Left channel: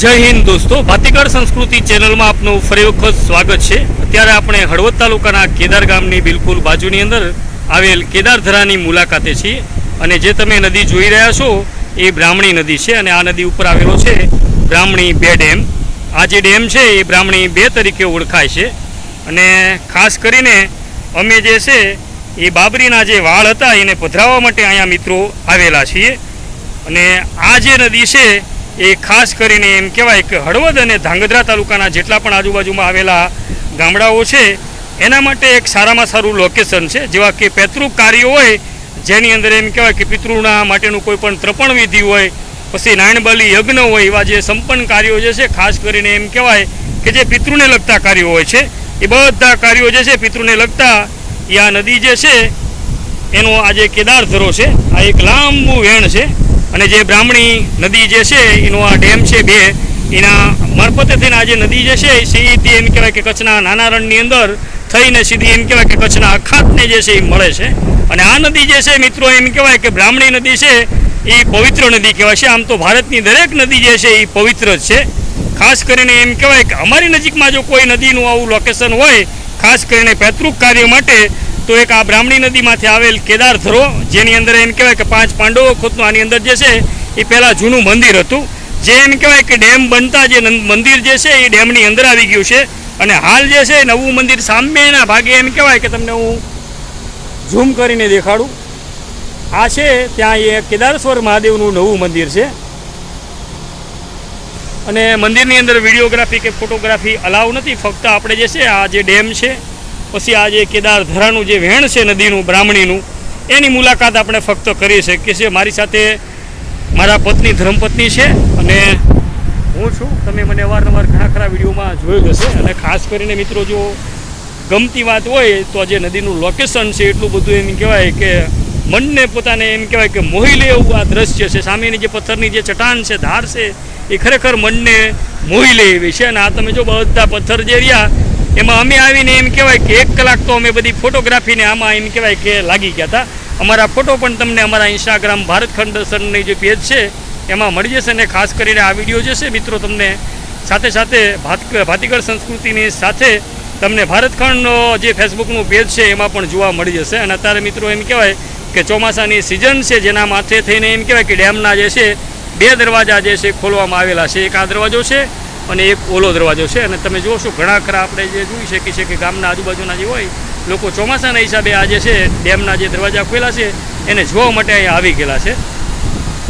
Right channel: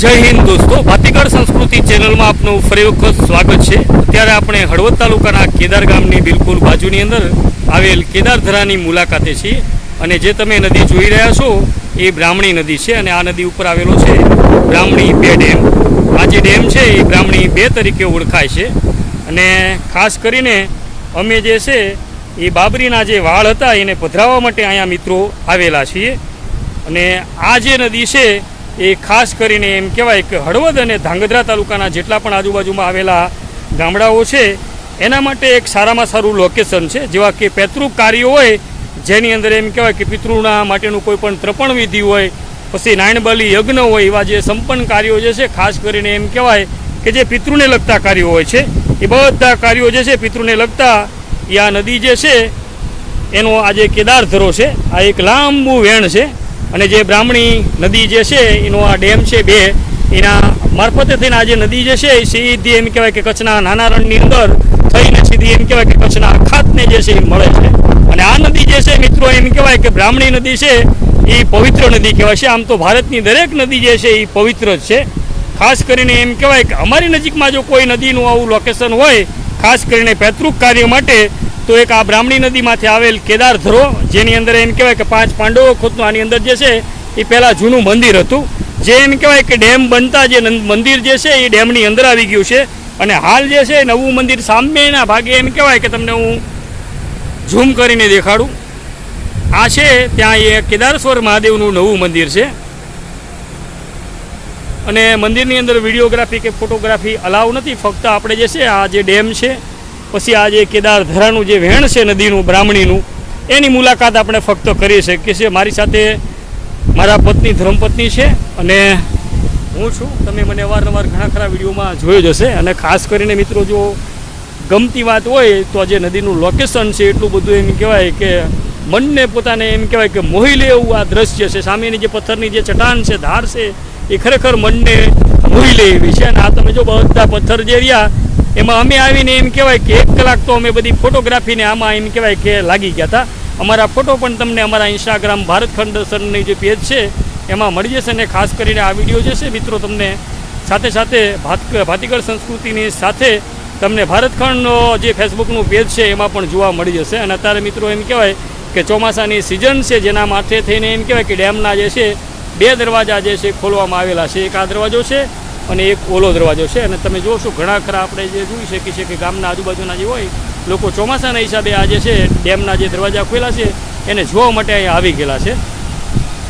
જય હિન્દ દોસ્તો. ભાતીગળ સંસ્કૃતિ ચેનલમાં આપનું ફરી વખત સ્વાગત છે. અત્યારે આપણે હળવદ તાલુકાના કેદાર ગામની બિલકુલ બાજુની અંદર આવેલ કેદારધરાની મુલાકાતે છીએ. અને જે તમે નદી જોઈ રહ્યા છો એ બ્રાહ્મણી નદી છે અને આ નદી ઉપર આવેલો છે બ્રાહ્મણી બે ડેમ. આ જે ડેમ છે એ બ્રાહ્મણી બે તરીકે ઓળખાય છે. અને ખાસ કરીને અમે જે છે એ બાબરીના જે વાળ હતા એને પધરાવવા માટે અહીંયા મિત્રો આવેલા છીએ. અને આ જે નદી છે એ ખાસ કરીને એમ કહેવાય કે હળવદ અને ધાંગધ્રા તાલુકાના જેટલા પણ આજુબાજુમાં આવેલા ગામડાઓ છે, એના માટે એક સારામાં સારું લોકેશન છે, જેવા કે પેતૃક કાર્યો હોય, જેની અંદર એમ કહેવાય કે પિતૃના માટેનું કોઈ પણ ત્રપણ વિધિ હોય, પછી નાયણબલી યજ્ઞ હોય, એવા જે સંપન્ન કાર્યો જે છે, ખાસ કરીને એમ કહેવાય કે જે પિતૃને લગતા કાર્યો હોય છે, એ બધા કાર્યો જે છે, પિતૃને લગતા એ આ નદી જે છે, એનો આજે કેદાર ધરો છે, આ એક લાંબુ વેણ છે અને જે બ્રાહ્મણી નદી જે છે, એનો આ ડેમ છે બે, એના મારફતે થઈને આ જે નદી જે છે, એ સીધી એમ કહેવાય કે કચ્છના નાના રણની અંદર થઈને સીધી એમ કહેવાય કે કચ્છના અખાતને જે છે, એ મળે છે. અને આ નદી જે છે, મિત્રો, એમ કહેવાય કે બ્રાહ્મણી નદી છે, એ પવિત્ર નદી કહેવાય છે. આમ તો ભારતની દરેક નદી જે છે, એ પવિત્ર જ છે. ખાસ કરીને એમ કહેવાય કે અમારી નજીકમાં જો કોઈ નદીનું આવું લોકેશન હોય, ખાસ કરીને પૈતૃક કાર્ય માટે તો એક આ બ્રાહ્મણી નદીમાંથી આવેલ કેદાર ધરો, જેની અંદર એમ કહેવાય કે પાંચ પાંડવો ખોદનું, આની અંદર જે છે, એ પહેલાં જૂનું મંદિર હતું. જે એમ કહેવાય કે ડેમ બનતા જે મંદિર જે છે, એ ડેમની અંદર આવી ગયું છે. અને હાલ જે છે, નવું મંદિર સામેના ભાગે એમ કહેવાય કે તમને હું ઝૂમ કરીને દેખાડું. આ છે, ત્યાં એ કેદારેશ્વર મહાદેવનું નવું મંદિર છે. અને મંદિરની અંદર વિડીયોગ્રાફી કે ફોટોગ્રાફી અલાવ નથી, ફક્ત આપણે જે છે, આ જે ડેમ છે પછી આ જે કેદાર ધરાનું જે વહેણ છે નદીનું, બ્રાહ્મણીનું, એની મુલાકાત આપણે ફક્ત કરી શકીએ છીએ મારી સાથે મારા પત્ની ધર્મપત્ની છે અને હું છું. તમે મને અવારનવાર ઘણા ખરા વિડીયોમાં જોયો જ હશે. અને ખાસ કરીને મિત્રો, જો ગમતી વાત હોય, તો જે નદીનું લોકેશન છે, એટલું બધું એમ કહેવાય કે મનને પોતાને એમ કહેવાય કે મોહી લે એવું આ દ્રશ્ય છે. સામેની જે પથ્થરની જે ચટાણ છે, ધાર છે, એ ખરેખર મનને મોહી લે એવી છે. અને આ તમે જો બધા પથ્થર જે રહ્યા એમાં અમે આવીને એમ કહેવાય કે એક કલાક તો અમે બધી ફોટોગ્રાફીને આમાં એમ કહેવાય કે લાગી ગયા હતા. અમારા ફોટો પણ તમને અમારા ઇન્સ્ટાગ્રામ ભારત ખંડસનની જે પેજ છે, એમાં મળી જશે અને ખાસ કરીને આ વીડિયો જે છે, મિત્રો, તમને સાથે સાથે ભાત ભાતીગળ સંસ્કૃતિની સાથે તમને ભારતખંડનો જે ફેસબુકનું પેજ છે, એમાં પણ જોવા મળી જશે. અને અત્યારે મિત્રો એમ કહેવાય કે ચોમાસાની સિઝન છે, જેના માથે થઈને એમ કહેવાય કે ડેમના જે છે, બે દરવાજા જે છે, ખોલવામાં આવેલા છે. એક આ દરવાજો છે અને એક ઓલો દરવાજો છે. અને તમે જોશો ઘણા ખરા આપણે જે જોઈ શકીએ છીએ કે ગામના આજુબાજુના જે હોય, લોકો ચોમાસાના હિસાબે આ જે છે, ડેમના જે દરવાજા ખોલ્યા છે, એને જોવા માટે અહીંયા આવી ગયેલા છે.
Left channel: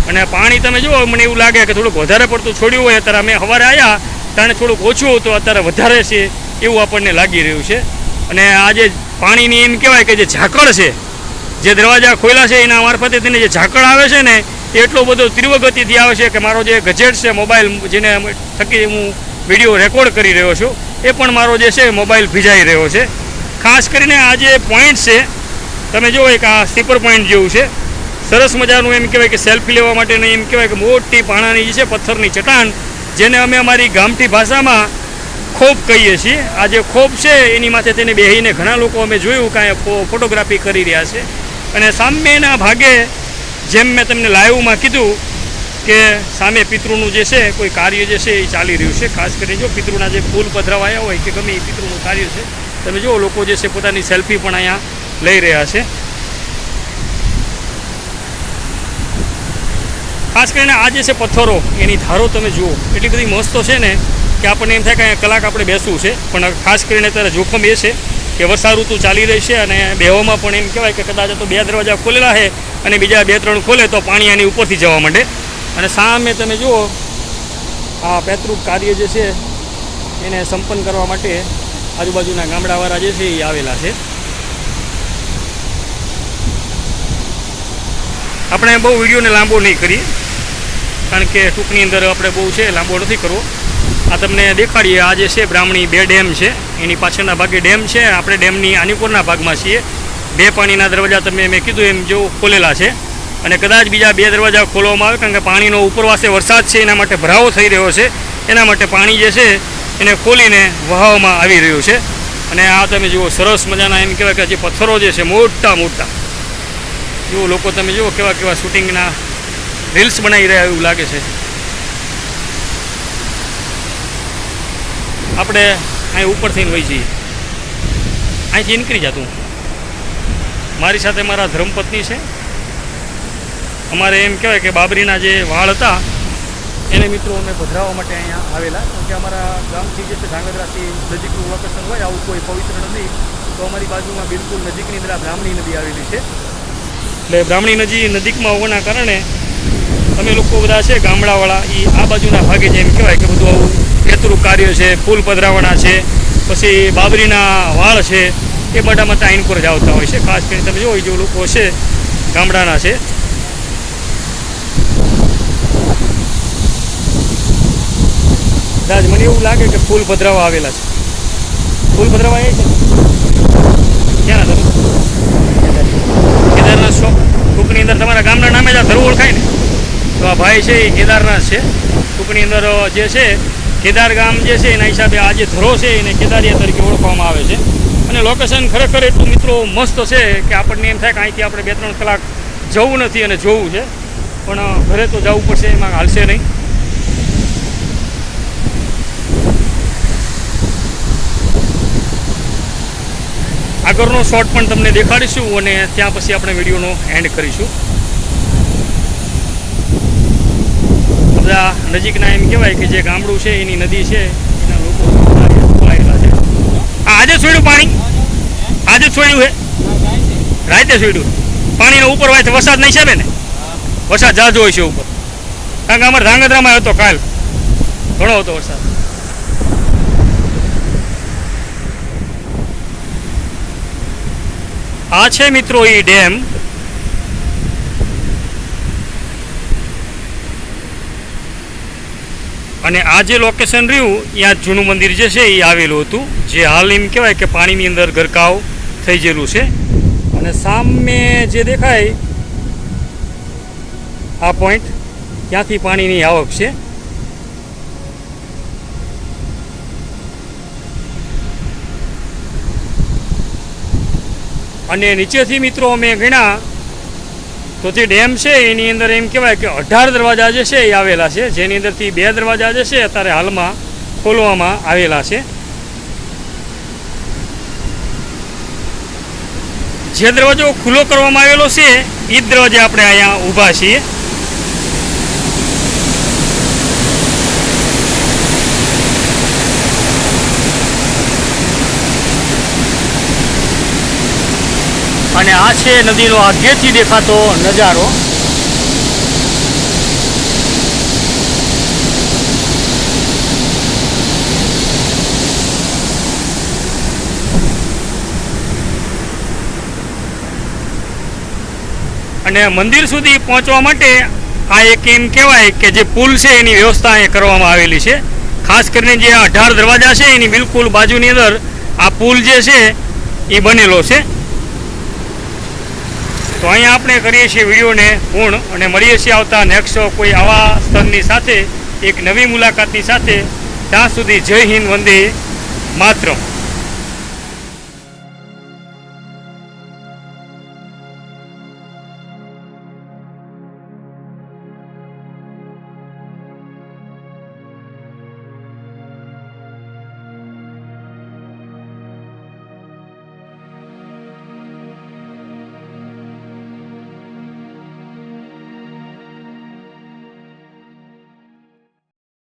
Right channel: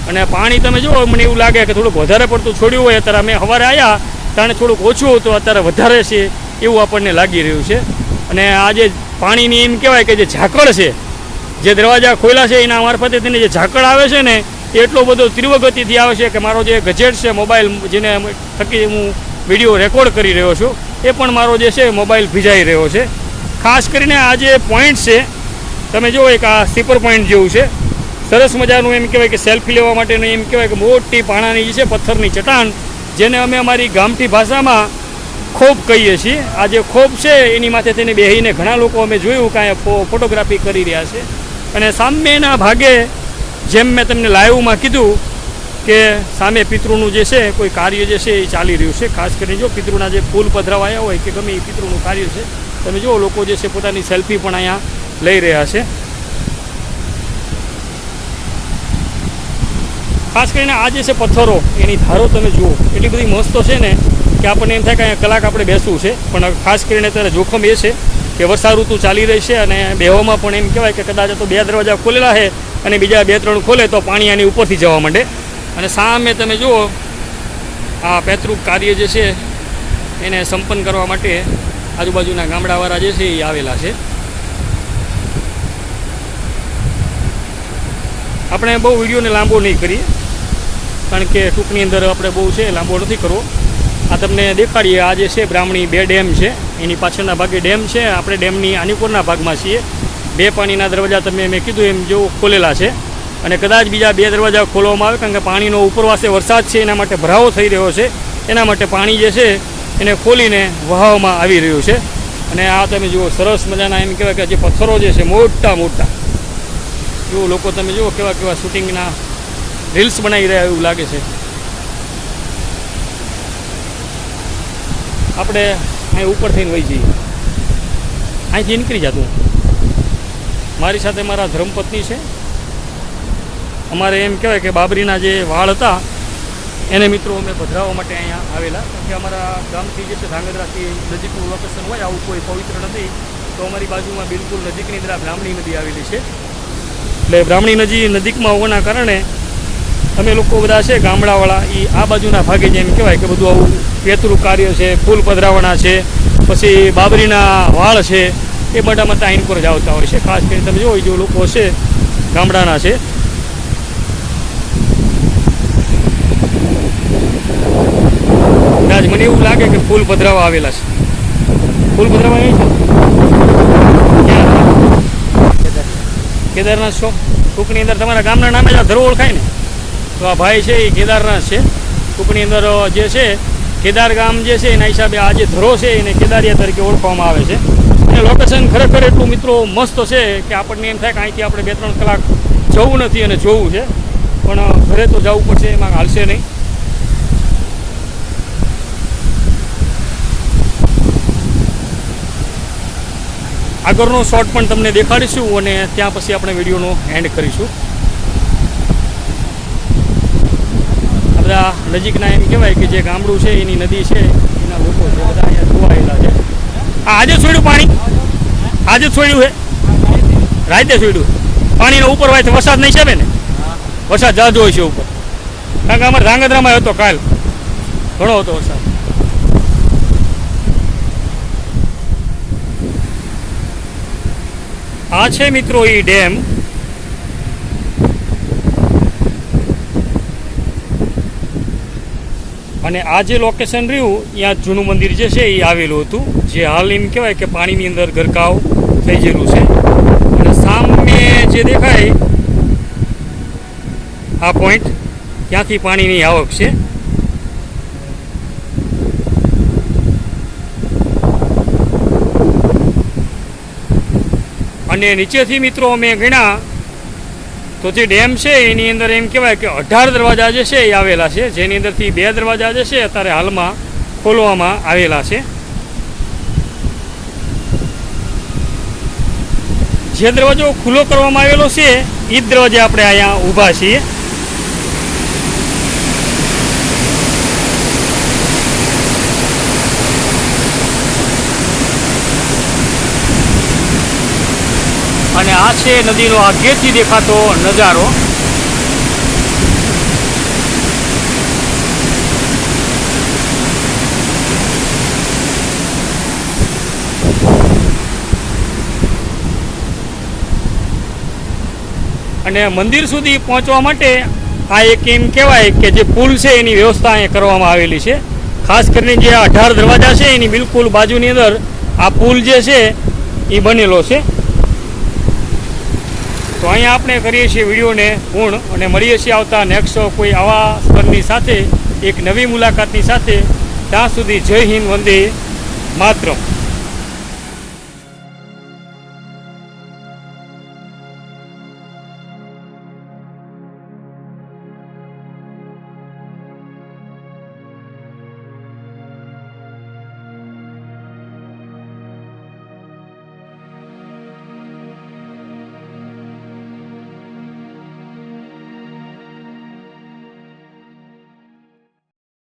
અને પાણી તમે જુઓ, મને એવું લાગે કે થોડુંક વધારે પડતું છોડ્યું હોય, અત્યારે અમે સવારે આવ્યા ત્યારે થોડુંક ઓછું હતું, અત્યારે વધારે છે, એવું આપણને લાગી રહ્યું છે. અને આ જે પાણીની એમ કહેવાય કે જે ઝાકળ છે, જે દરવાજા ખોલ્યા છે, એના મારફતે તેને જે ઝાકળ આવે છે ને એટલો બધો તીવ્ર ગતિથી આવે છે કે મારો જે ગજેટ છે મોબાઈલ જેને થકી હું વીડિયો રેકોર્ડ કરી રહ્યો છું, એ પણ મારો જે છે મોબાઈલ ભીજાઈ રહ્યો છે. ખાસ કરીને આ જે પોઈન્ટ છે, તમે જુઓ એક આ સ્લીપર પોઈન્ટ જેવું છે. સરસ મજાનું એમ કહેવાય કે સેલ્ફી લેવા માટેનું એમ કહેવાય કે મોટી પાણાની જે છે પથ્થરની ચટાણ જેને અમે અમારી ગામઠી ભાષામાં ખોપ કહીએ છીએ. આ જે ખોપ છે, એની માથે તેને બેહીને ઘણા લોકો અમે જોયું, કાંઈ ફોટોગ્રાફી કરી રહ્યા છે. અને સામેના ભાગે જેમ મેં તમને લાઈવમાં કીધું કે સામે પિતૃનું જે છે, કોઈ કાર્ય જે છે એ ચાલી રહ્યું છે. ખાસ કરીને જો પિતૃના જે ફૂલ પધરાવાયા હોય કે ગમે એ પિતૃનું કાર્ય છે, તમે જુઓ લોકો જે છે પોતાની સેલ્ફી પણ અહીંયા લઈ રહ્યા છે. ખાસ કરીને આ જે છે પથ્થરો, એની ધારો તમે જુઓ. એટલી બધી મસ્ત છે ને કે આપણને એમ થાય કે અહીંયા કલાક આપણે બેસવું છે. પણ ખાસ કરીને અત્યારે જોખમ એ છે કે વર્ષા ઋતુ ચાલી રહી છે અને બેવામાં પણ એમ કહેવાય કે કદાચ તો બે દરવાજા ખોલેલા છે અને બીજા બે, ત્રણ ખોલે તો પાણી આની ઉપરથી જવા માંડે. અને સામે તમે જુઓ, આ પૈતૃક કાર્ય જે છે, એને સંપન્ન કરવા માટે આજુબાજુના ગામડાવાળા જે છે, એ આવેલા છે. આપણે બહુ વિડીયોને લાંબો નહીં કરીએ, કારણ કે ટૂંકની અંદર આપણે બહુ છે, લાંબો નથી કરવો. આ તમને દેખાડીએ, આ જે છે, બ્રાહ્મણી બે ડેમ છે, એની પાછળના ભાગે ડેમ છે, આપણે ડેમની આનીકોરના ભાગમાં છીએ. બે પાણીના દરવાજા તમે મેં કીધું એમ જો ખોલેલા છે. અને કદાચ બીજા બે દરવાજા ખોલવામાં આવે, કારણ કે પાણીનો ઉપરવાસે વરસાદ છે, એના માટે ભરાવો થઈ રહ્યો છે. એના માટે પાણી જે છે, એને ખોલીને વહાવવામાં આવી રહ્યું છે. અને આ તમે જુઓ, સરસ મજાના એમ કહેવાય કે જે પથ્થરો જે છે, મોટા મોટા. જુઓ લોકો તમે જુઓ કેવા કેવા શૂટિંગના રીલ્સ બનાવી રહ્યા એવું લાગે છે. આપણે અહીં ઉપર થઈને વહી જઈએ. અહીંથી નીકળી જતું મારી સાથે મારા ધર્મપત્ની છે. અમારે એમ કહેવાય કે બાબરીના જે વાળ હતા, એને મિત્રો અમે પધરાવવા માટે અહીંયા આવેલા. કારણ કે અમારા ગામથી જે છે, ધાંગધ્રાથી નજીકનું લોકેશન હોય, આવું કોઈ પવિત્ર નદી તો અમારી બાજુમાં બિલકુલ નજીકની અંદર આ બ્રાહ્મણી નદી આવેલી છે. એટલે બ્રાહ્મણી નદી નજીકમાં હોવાના કારણે અમે લોકો બધા છે, ગામડાવાળા એ આ બાજુના ભાગે જેમ કહેવાય કે બધું આવું પેતરું કાર્ય છે ફૂલ પધરાવણા છે. પછી બાબરીના વાળ છે એ બધામાં ટાઈમ પર જ આવતા હોય છે. ખાસ કરીને તમે જો જે લોકો છે, ગામડાના છે. કદાચ મને એવું લાગે કે ફૂલ પધરાવા આવેલા છે. ફૂલ પધરાવા આવી છે. ક્યાં કેદારનાથ શોપ ટૂંકની અંદર તમારા ગામના નામે જ આ ધરો ઓળખાય ને? તો આ ભાઈ છે, એ કેદારનાથ છે. ટૂંકની અંદર જે છે, કેદાર ગામ જે છે, એના હિસાબે આ જે ધરો છે, એને કેદારિયા તરીકે ઓળખવામાં આવે છે. અને લોકેશન ખરેખર એટલું મિત્રો મસ્ત છે કે આપણને એમ થાય કે અહીંથી આપણે બે ત્રણ કલાક જવું નથી અને જોવું છે. પણ ઘરે તો જવું પડશે, એમાં હાલશે નહીં. આગળનો શોટ પણ તમને દેખાડીશું અને ત્યાં પછી આપણે વિડીયોનો એન્ડ કરીશું. બધા નજીકના એમ કહેવાય કે જે ગામડું છે, એની નદી છે, એના લોકો જોડાયેલા છે. આજે છોડ્યું પાણી? આજે છોડ્યું હે? રાતે છોડ્યું? પાણીનો ઉપર હોય વરસાદ નહીં છે ને વરસાદ જાજો હોય છે ઉપર. કારણ કે અમારે ધાંગધ્રામાં હતો કાલ. ઘણો હતો વરસાદ. આ છે મિત્રો એ ડેમ. અને આ જે લોકેશન રહ્યું ત્યાં જૂનું મંદિર જે છે, એ આવેલું હતું. જે હાલ એમ કહેવાય કે પાણીની અંદર ગરકાવ થઈ ગયેલું છે. અને સામે જે દેખાય, આ પોઈન્ટ ત્યાંથી પાણીની આવક છે. અને નીચેથી મિત્રો અમે ગણ્યા તો જે ડેમ છે, એની અંદર એમ કહેવાય કે અઢાર દરવાજા જે છે, એ આવેલા છે. જેની અંદરથી બે દરવાજા જે છે, અત્યારે હાલમાં ખોલવામાં આવેલા છે. જે દરવાજો ખુલ્લો કરવામાં આવેલો છે એ જ દરવાજે આપણે અહીંયા ઊભા છીએ. અને આ છે નદીનો આગેથી દેખાતો નજારો. અને મંદિર સુધી પહોંચવા માટે આ એક એમ કહેવાય કે જે પુલ છે એની વ્યવસ્થા અહીંયા કરવામાં આવેલી છે. ખાસ કરીને જે અઢાર દરવાજા છે એની બિલકુલ બાજુની અંદર આ પુલ જે છે એ બનેલો છે. તો અહીંયા આપણે કરીએ છીએ વિડીયોને પૂર્ણ અને મળીએ છીએ આવતા નેક્સ્ટ કોઈ આવા સ્તરની સાથે, એક નવી મુલાકાતની સાથે. ત્યાં સુધી જય હિન્દ, વંદે માતરમ.